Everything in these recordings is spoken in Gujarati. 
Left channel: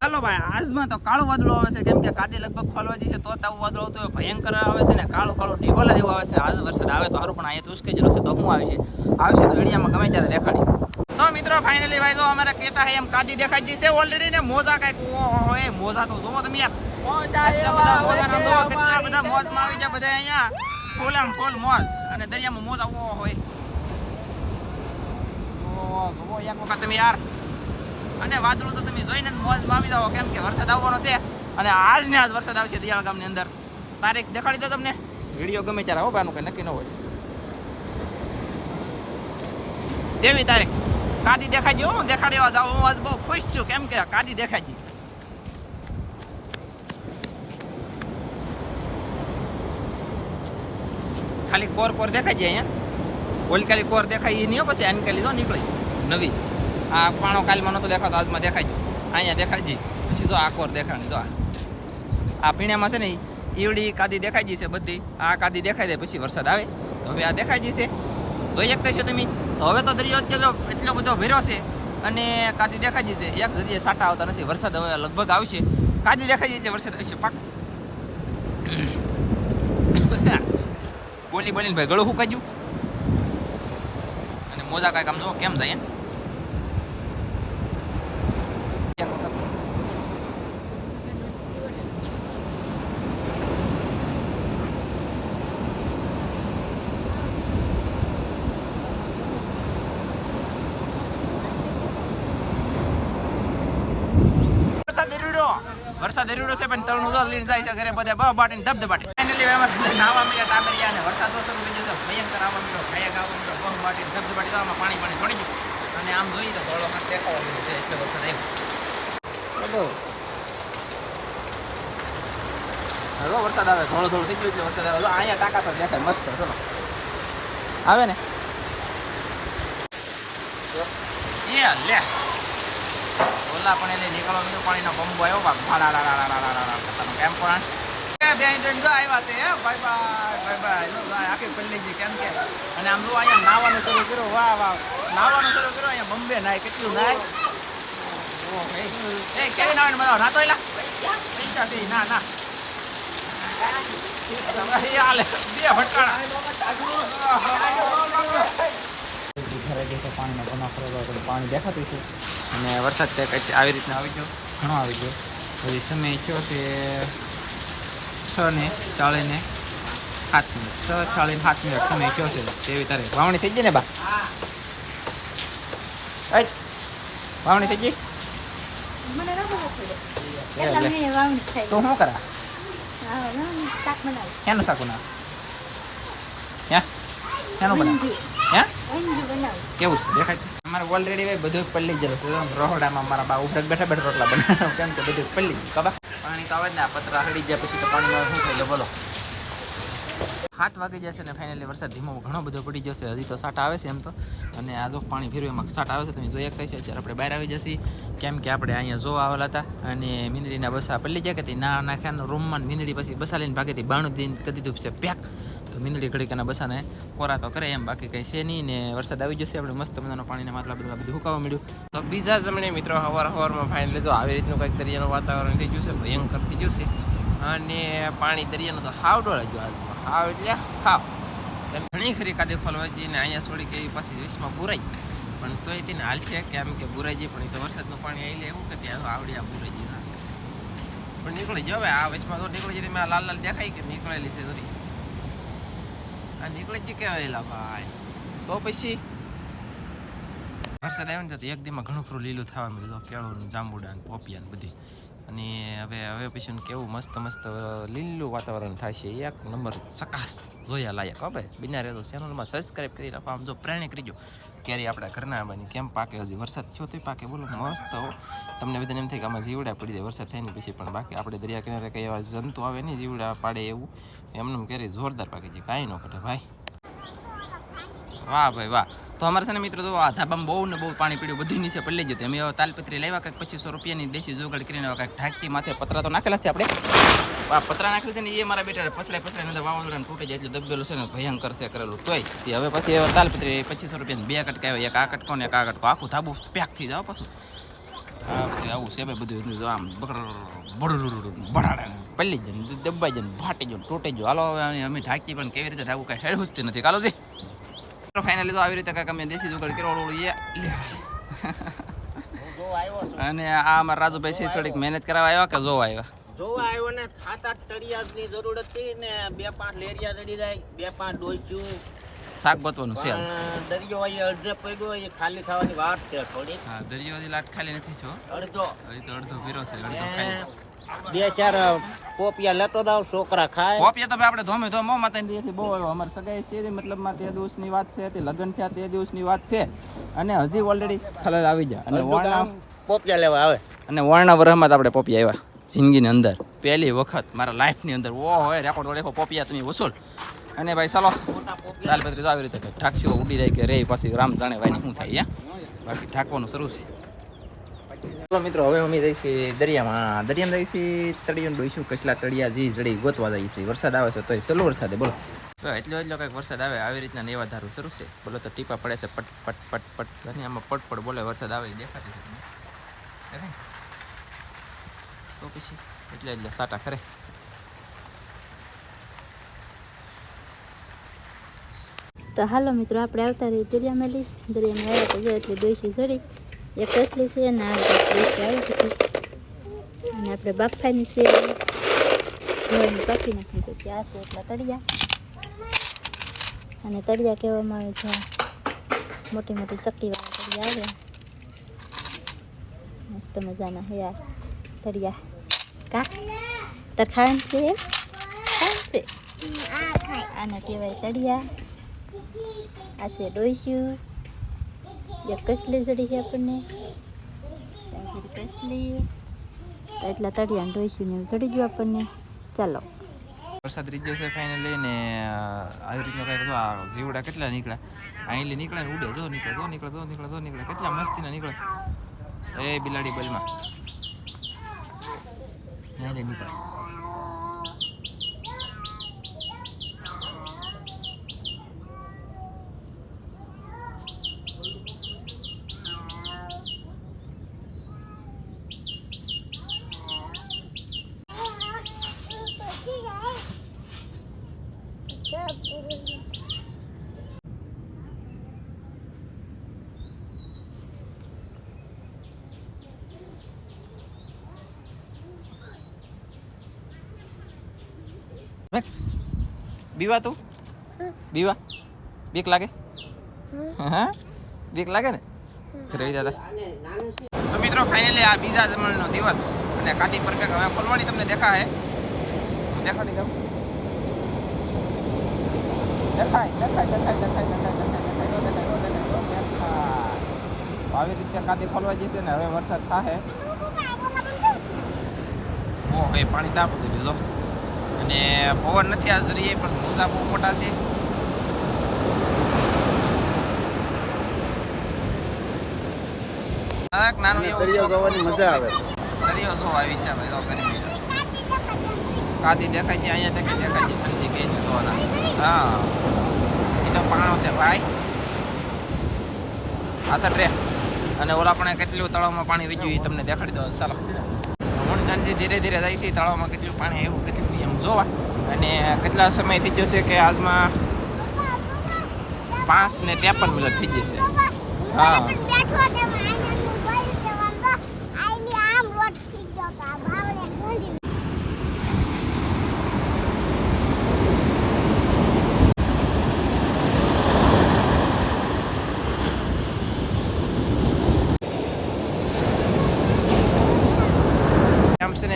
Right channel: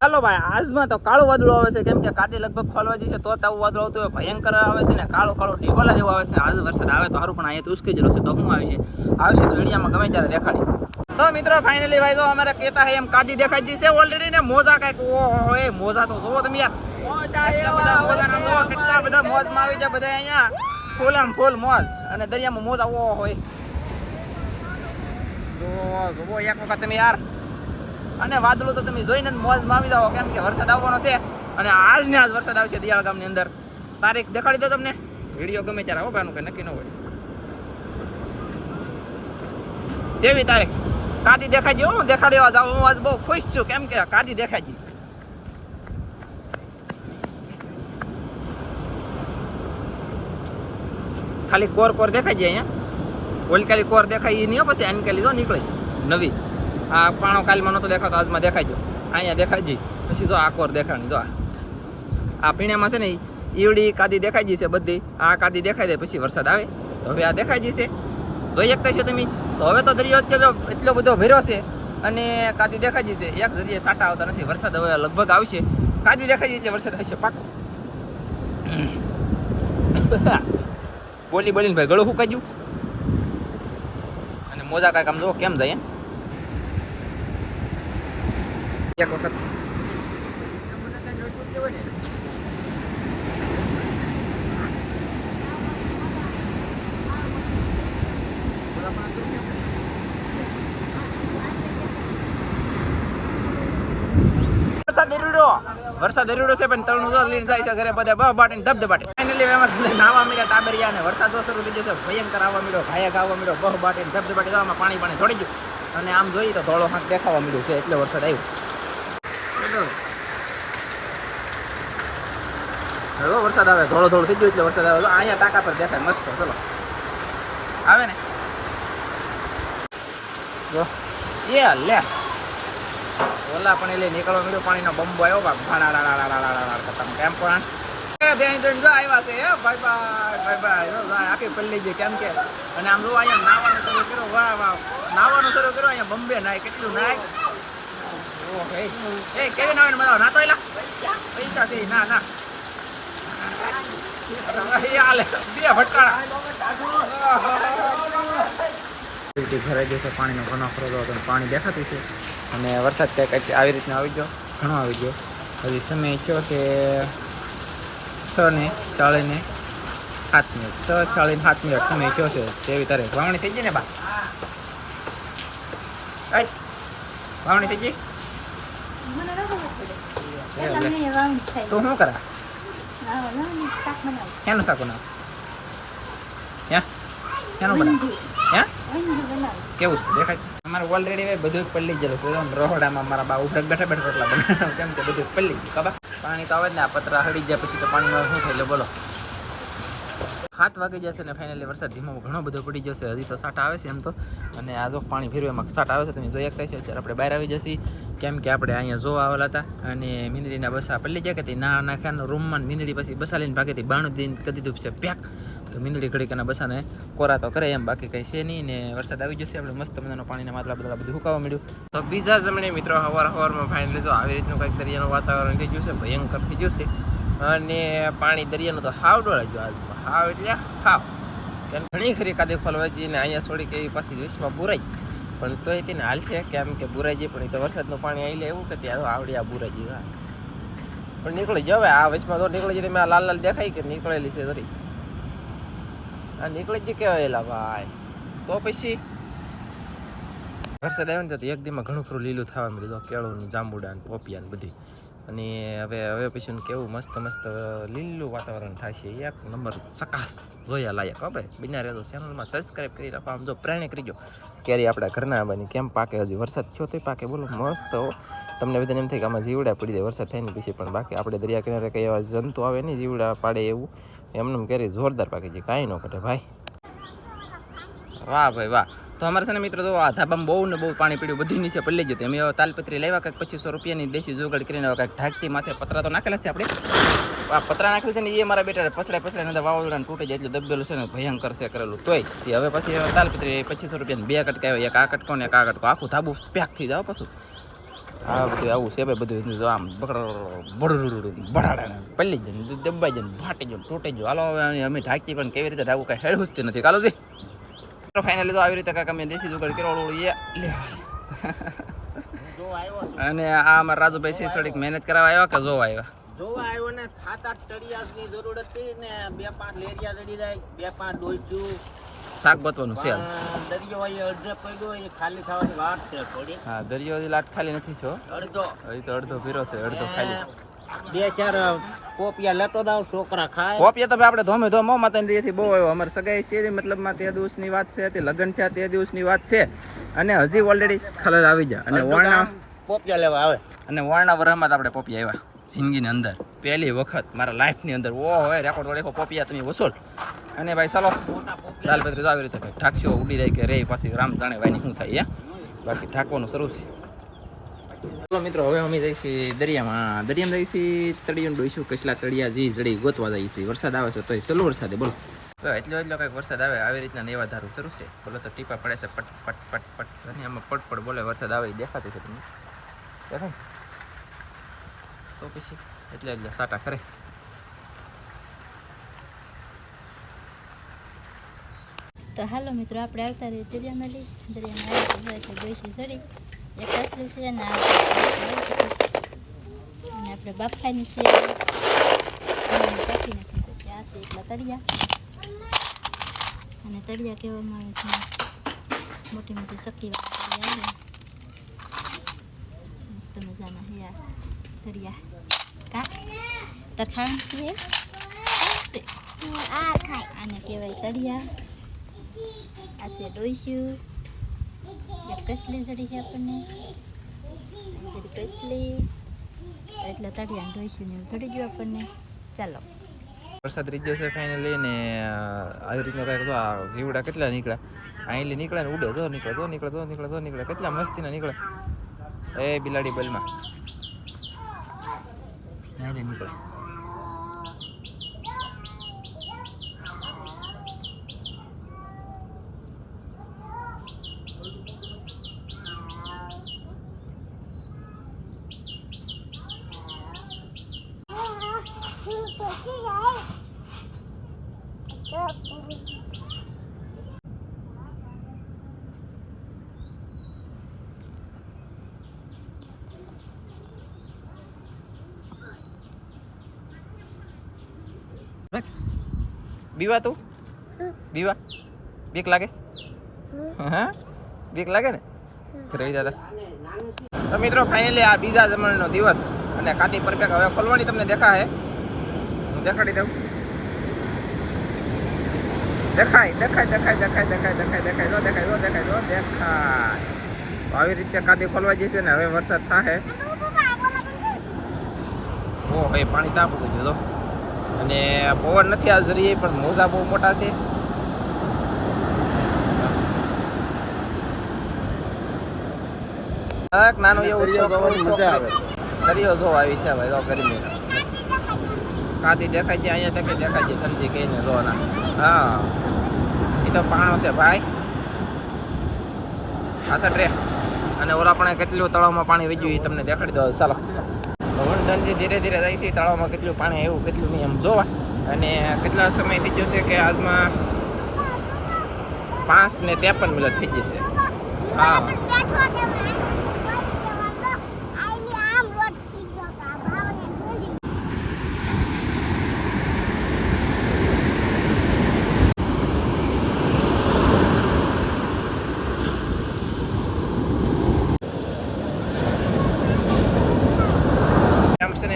ચાલો ભાઈ, આજમાં તો કાળું વાદળું આવે છે, કેમ કે કાદી લગભગ ખોલવા જશે તો આવું વાદળું આવતું હોય, ભયંકર આવે છે ને કાળો કાળો ઢીકોલા જેવો આવે છે. આજ વરસાદ આવે તો સારું, પણ અહીંયા તો ઉસકી જશે તો શું આવશે તો વિડીયામાં ગમે ત્યારે દેખાડી. તો મિત્રો ફાઇનલી ભાઈ તો અમારે કહેતા એમ કાદી દેખાઈ જશે ઓલરેડી ને. મોજા કઈક ઓહો એ મોજા તો જોવો તમે યાર, કેટલા બધા મોજા નામ જોવો, કેટલા બધા મોજમાં આવી જાય બધા અહીંયા, ફૂલામ ફૂલ મોજ. અને દરિયામાં મોજા ઓહો હોય જોવો એક વખત તમે યાર. અને વાદળું તો તમે જોઈને જ મોજમાં આવી જાઓ, કેમ કે વરસાદ આવવાનો છે. અને આજ ને આજ વરસાદ આવશે દિયાળ ગામની અંદર. તારીખ દેખાડી દો તમને, વિડીયો ગમે ત્યારે આવો બાનું કઈ નક્કી ન હોય. તેવી તારીખ કાદી દેખાઈ ગઈ. હું દેખાડવા જાઉં, હું આજ બહુ ખુશ છું, કેમ કે કાદી દેખાઈ ગઈ. ખાલી કોર કોર દેખાઈ જાય અહીંયા. ઓલી ખાલી કોર દેખાય એ નહીં, પછી આની લીધો નીકળી નવી. આ પાણો કાલમાં નતો દેખાતો, આજમાં દેખાઈ ગયો. અહીંયા દેખાઈ જઈ પછી જો આ કોર દેખાણી. જો આ પીણામાં છે ને ઈવડી કાદી દેખાઈ જઈ છે બધી. આ કાદી દેખાઈ દે પછી વરસાદ આવે તો હવે આ દેખાઈ જશે, જોઈ શકતા છો તમે. તો હવે તો દરિયો એટલો બધો ભર્યો છે અને કાદી દેખાઈ જશે. એક જગ્યાએ સાટા આવતા નથી. વરસાદ હવે લગભગ આવશે, કાદી દેખાઈ જાય એટલે વરસાદ આવશે પાક. બોલી બોલીને ભાઈ ગળું ફૂંકાઈ ગયું. અને મોજા કાંઈક આમ જો કેમ જાય એક વખત. વરસાદ દરિયો છે, પણ તળનું જો લઈને જાય છે ઘરે બધા બહ બાટે ધબધબાટે. ફાઇનલી નાવા મળ્યા ટાબરિયા, અને વરસાદ શરૂ થઈ ગયો છે, ભયંકર આવવા મળ્યો, ભાયા આવવા મળ્યો, બહ બાટે ધબધબાટે. આમાં પાણી પાણી થોડી ગયું. અને આમ જોઈએ તો ધોળો હાથ દેખાવા મળ્યું છે, એટલે વરસાદ આવ્યો. હવે વરસાદ આવે, થોડો થોડો થઈ ગયો એટલે વરસાદ આવે. અહીંયા ટાંકા પર દેખાય મસ્ત. ચલો આવે ને એ લે ઓલા પણ એટલે નીકળવા મળ્યો. પાણીનો બંબો આવ્યો ખતમ. કેમ પણ આવ્યા છે ભાઈ ભાઈ ભાઈ આખી પલ્લી ગઈ, કેમ કે. અને આમ જો અહીંયા નાવાનું શરૂ કર્યું. વાહ વાહ, નાવાનું શરૂ કર્યું. અહીંયા બોમ્બે નાય, કેટલું નાય. એ કેવી નાવાની મજા નાતો એલા પૈસા થી ના ના ઘરે ગયો પાણીનો ઘણો ખરો હતો, પાણી દેખાતું છે. અને વરસાદ કંઈક આવી રીતના આવી ગયો, ઘણો આવી ગયો. હજી સમય થયો છે 6:40 6:40 સમય થયો છે. તેવી તારીખ વાવણી થઈ ગઈ ને બા? વાવણી થઈ ગઈ? તું શું કરા? શેનું શાક બનાવ? શેનું બનાવ? કેવું છે દેખાય? અમારે ઓલરેડી બધું પલ્લી ગયેલું છે. રહોડામાં મારા બા ઉભરાક બેઠા બેઠા રોટલા બનાવ, કેમ કે બધું પલ્લી ગયું. ખબર પાણી તો આવે જ ને, આ પતરા હળી જાય પછી તો પાણીનો શું થાય લે બોલો. 7 વાગી જશે ને ફાઇનલી વરસાદ ધીમો ઘણો બધો પડી જશે. હજી તો સાટા આવે છે એમ તો. અને આ જો પાણી ફેરવે એમાં સાટા આવે છે, તમે જોઈ શકતા છો. અત્યારે આપણે બહાર આવી જશે, કેમ કે આપણે અહીંયા જો આવેલા હતા અને મીંદડીના બસા પલ્લી જાય કે ના નાખ્યા રૂમમાં. મીંદડી પછી બસા લઈને ભાગે બાણું દઈને કરી દીધું છે પેક. તો મીંદડી ઘડીકાના બસાને કોરા તો કરે એમ, બાકી કંઈ છે નહીં. ને વરસાદ આવી જશે, આપણે મસ્ત મજાનો પાણીના માટલા બધા બધું સુકાવા મળ્યું. તો બીજા જમણે મિત્રો હવારમાં ફાઇનલી જો આવી રીતનું કંઈક દરિયાનું વાતાવરણ થઈ ગયું છે, ભયંકર થઈ ગયું છે. અને પાણી દરિયાનું તો હાવ ડોળા ગયો આજમાં, હાવ એટલે હાવ. ઘણી ખરી કાદી ખોલવા જઈએ ને અહીંયા છોડી કે એ પાછી વિશ્વમાં બુરાઈ, પણ તોય તેને હાલ છે કેમ કે બુરાઈ જાય. પણ એ તો વરસાદનું પાણી આવી લે એવું કે ત્યાં આવડી આ બુરાઈ જાય પણ નીકળી જાવ. આ વિશ્વમાં તો નીકળી જાય. તમે આ લાલ લાલ દેખાય કે નીકળેલી છે ધરી, આ નીકળી જ કહેવાયેલા ભાઈ. તો પછી વરસાદ આવ્યો ને તો એક દીમાં ઘણું ખરું લીલું થવા મળ્યું. કેળું ને જાંબુડા ને પોપિયા ને બધી. અને હવે પછી કેવું મસ્ત મસ્ત લીલું વાતાવરણ થાય છે. એક નંબર ચકાસ જોયા લાયક. હવે બિના રહેતો ચેનલમાં સબસ્ક્રાઈબ કરી રાખો. આમ જો પ્રેરણા કરીજો ક્યારે આપણા ઘરના આવવાની કેમ પાકે. હજી વરસાદ થયો તો પાકે બોલો મસ્ત. તમને બધાને એમ થાય કે આમાં જીવડા પડી જાય વરસાદ થાય ને પછી, પણ બાકી આપણે દરિયા કિનારે કંઈ એવા જંતુ આવે નહીં જીવડા પાડે એવું. એમને ક્યારેય જોરદાર પાકે છે, કાંઈ ન ઘટે ભાઈ. વાહ ભાઈ વાહ. તો અમારે છે ને મિત્રો તો આ ધાબામાં બહુ ને બહુ પાણી પીડ્યું, બધી નીચે પડી જતી. અમે તાલપત્રી લાવ્યા કંઈક 2500 રૂપિયાની દેશી જોગાડ કરીને કંઈક ઢાંકતી માથે પતરા તો નાખેલા છે આપણે. આ પતરા નાખેલા છે ને એ મારા બેટા પછડાય અંદર વાવાઝોડાને તૂટી જાય એટલે દબેલું છે ને ભયંકર છે કરેલું. તોય હવે પછી તાલપત્રી 2500 રૂપિયાની 2 કટકા આવ્યા, એક આ કટકો ને એક આ કટકો, આખું ધાબુ પેક થઈ જાવ પાછું. આ બધું આવું છે ભાઈ, બધું આમ બડાડા પલ્લી જાય, દબાઈ જાય, ફાટી જાય, તૂટી જાય. હાલો હવે અમે ઢાંકી પણ કેવી રીતે ઢાંકવું કાંઈ હેડવું જ નથી. કાલોજી ફાઇનલી તો આવી રીતે કાંઈક અમે દેશી જુગાડ કરો લે. અને આ અમારા રાજુભાઈ સિસોડી મહેનત કરાવવા આવ્યા કે જોવા આવ્યા? જોવા આવ્યો ને 7-8 તળિયાની જરૂર હતી ને 2-5 લેરિયા ચડી જાય, 2-5 ડોલચું શાક બતવાનું છે. દરિયો અડધે પડ્યો, એ ખાલી થવાની વાત છે થોડી. હા, દરિયો લાટ ખાલી નથી છો, અડધો હજી તો અડધો પીરો છે, અડધો ખાલી. 2-4 પોપિયા લેતો દાવ, છોકરા ખાય. પોપિયા તો આપણે ધોમે ધોમો માતાથી બહુ આવ્યો. અમારે સગાઈ છે મતલબમાં તે દિવસની વાત છે, તે લગ્ન છે તે દિવસની વાત છે, અને હજી ઓલરેડી ખલલ આવી જાય. અને વર્ણા પોપિયા લેવા આવે, અને વર્ણા વરહમાં આપણે પોપિયા આવ્યા જિંદગીની અંદર પહેલી વખત મારા લાઈફની અંદર. ઓ હોય રેકોર્ડ વડે પોપિયા તમે વસૂલ. અને ભાઈ ચાલો દાલપત્રી તો આવી રીતે ઢાંકશો ઉડી જાય કે રે પછી રામ જાણે ભાઈ શું થાય. બાકી ઢાંકવાનું શરૂ છે. ચલો મિત્રો હવે અમે જઈશું દરિયામાં. દરિયામાં જઈશું તળિયું ડોઈશું કસલા તળિયા જી જડી ગોતવા જઈશું. વરસાદ આવે છે તો સલો વરસાદે બોલો તો એટલો કંઈક વરસાદ આવે આવી રીતના એવા ધારું શરૂ છે. બોલો તો ટીપા પડે છે પટ પટ પટ પટ, અને આમાં પટ બોલે વરસાદ આવે દેખાતી છે તમને દેખાય તો પછી એટલે સાટા ખરે. તો હાલો મિત્રો આપણે આવતા રહીએ દરિયામાં. દરિયામાં આવ્યા તો એટલે ડોસી જડી એક કસલી છે ને અને આપણે બાફાની છે પાકી નાખી. પછી આ છે એટલા તળિયા, અને તળિયા કહેવામાં આવે છે મોટી મોટી સકીવાળા તળિયા આવે મસ્ત મજાના હે આ તળિયા. કા તાર ખાવાનું છે આને કહેવાય તળિયા. આ છે ડોસ્યું, એક કસલી જડી છે આપણને કસલી, એટલા તળિયા ડોસ્યું ને જડી ગયું આપણને. ચાલો વરસાદ રીજ્યો છે ફાઇનલી. ને આવી રીતના કાંઈક જો આ જીવડા કેટલા નીકળ્યા અહીંથી નીકળે ને ઉડે. જો નીકળે કેટલા મસ્તીના નીકળે. એ બિલાડી બલમાં અહીં નીકળે. બીવા તું બીવા બીક લાગે? હા બીક લાગે ને રહી દાદા. તો મિત્રો ફાઇનલી આ બીજા જમણનો દિવસ અને કાતી પરફેક્ટ હવે ખોલવાની તમને દેખાય. હું દેખાડી દઉં. દેખાય આવી રીતે કાતી ખોલવા જશે ને હવે વરસાદ થાય. ઓ હવે પાણી તાપ ઉગી ગયું અને પવન નથી આ જરીએ, પણ મોજા બહુ મોટા છે. નાનું એવું મજા આવે છે. દરિયો જો આવી છે ભાઈ, તો ગરમી કાતી દેખાય છે અહીંયા દેખાય છે ઠંડી કઈ ને જોવાના. હા એ તો પાણો છે ભાઈ પાછળ રે. અને ઓલા પણ કેટલું તળાવમાં પાણી વીજ્યું એ તમને દેખાડી દો. ચાલો વણધનજી ધીરે ધીરે જાય છે તળાવમાં કેટલું પાણી આવ્યું કેટલું નહીં એમ જોવા. અને કેટલા સમય થઈ ગયો છે કે આજમાં 5:53 થઈ જશે. હા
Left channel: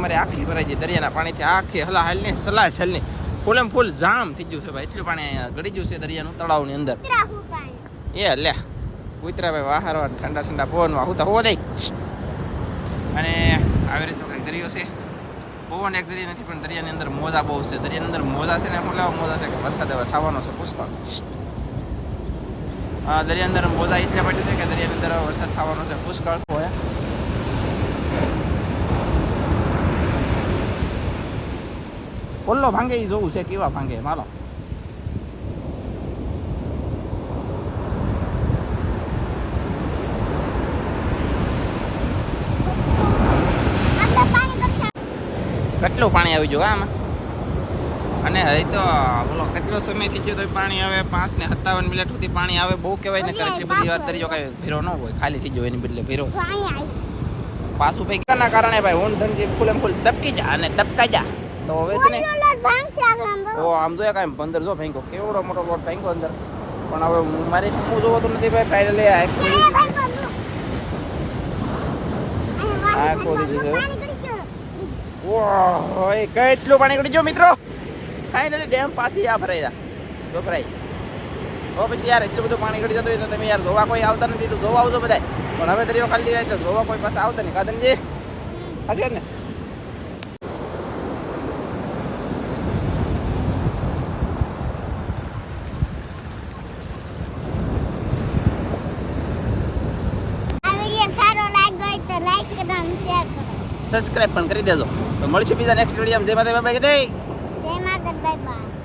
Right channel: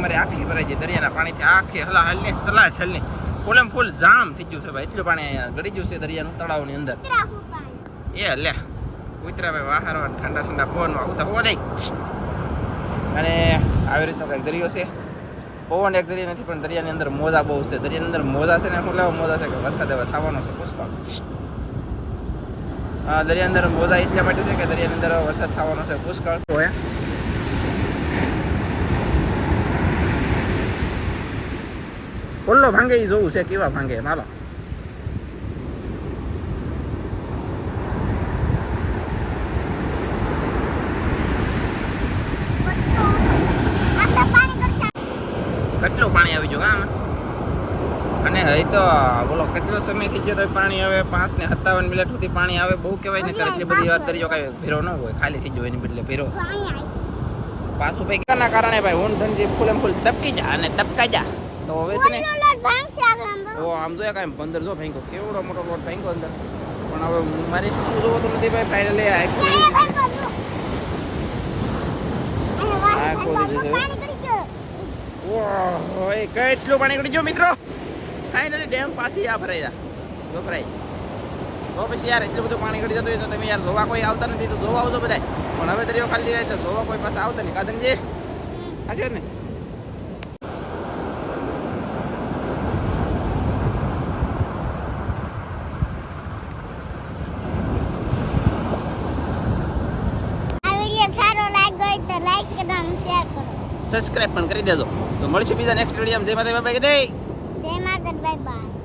અમારે આખી ભરાઈ ગઈ દરિયાના પાણીથી. આખી હલાહલ ને સલાહલ ને ફૂલે ફૂલ જામ થઈ ગયું છે ભાઈ. એટલું પાણી અહીંયા ગળી ગયું છે દરિયાનું તળાવની અંદર. એ લે ઉતરા ભાઈ વાહારો ઠંડા ઠંડા પવનમાં હું તો હોવો દઈ. અને આવી રીતનો કંઈક દરિયો છે. પવન એક દરિયા નથી પણ દરિયાની અંદર મોજા બહુ છે. દરિયાની અંદર મોજા છે ને શું લેવા મોજા છે કે વરસાદ હવે થવાનો છે પુષ્કળ. દરિયા અંદર મોજા એટલા માટે છે કે દરિયાની અંદર વરસાદ થવાનો છે પુષ્કળ હોય. કોલ્લો ભાંગે એ જોવું છે કેવા ભાંગે માલો. કેટલું પાણી આવી ગયું આમાં. અને હવે તો બોલો કેટલો સમય થઈ ગયો તો પાણી આવે 5:57 મિનિટ સુધી પાણી આવે. બહુ કહેવાય ને એટલી બધી વાર દરિયો કાંઈ ભીરો ન હોય, ખાલી થઈ ગયો એની બદલે ભીરો પાછું ભાઈ ના કારણે ભાઈ ઊંટ ધનજી ફૂલ ફૂલ તપકી જા અને તપકાઈ જા. તો હવે છે ને તો આમ જોઈએ કાંઈ 15 જો ભાઈ કેવડો મોટો બોટ ભાઈ અંદર. પણ હવે મારી શું જોવાતું નથી ભાઈ. ફાઇનલી આ ખોલી જશે, આ ખોલી જશે. ઓય કેટલું પાણી ગળી ગયો મિત્રો. ફાઇનલી ડેમ પાછી આ ભરાઈ જો ભરાઈ. તો પછી યાર એટલું બધું પાણી ગળી જતું હોય તો તમે યાર જોવા કોઈ આવતા નથી તો જોવા આવજો બધા. પણ હવે દરિયો ખાલી જાય એટલે જોવા કોઈ પાસે આવતા નહીં. કાદનજી સાચી વાત ને. સબસ્ક્રાઇબ પણ કરી દેજો. તો મળશું બીજા નેક્સ્ટ વિડીયોમાં. જય માતા બાય બાય. જય માતા બાય બાય.